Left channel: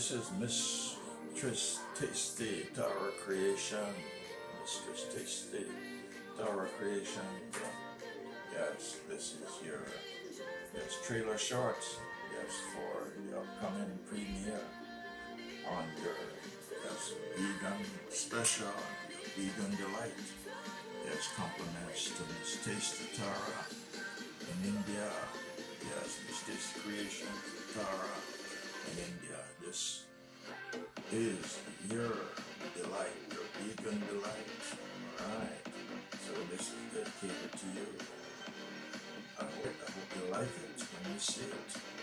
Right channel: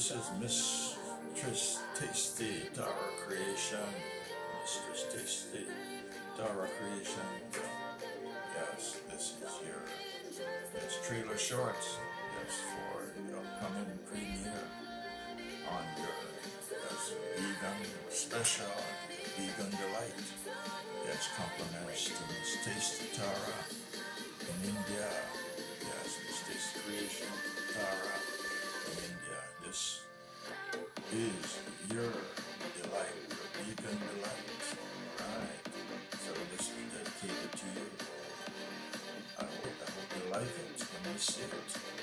This is Mistress Tasty Tara Creation. Mistress Tasty Tara Creation. Yes, this is your trailer shorts. Yes, for the upcoming premiere on your vegan special, your vegan delight. Yes, compliments to Miss Tasty Tara in India. Yes, Miss Tasty Creation Tara in India. This is your delight, your vegan delight. Alright, so this is dedicated to you. I hope you like it when you see it.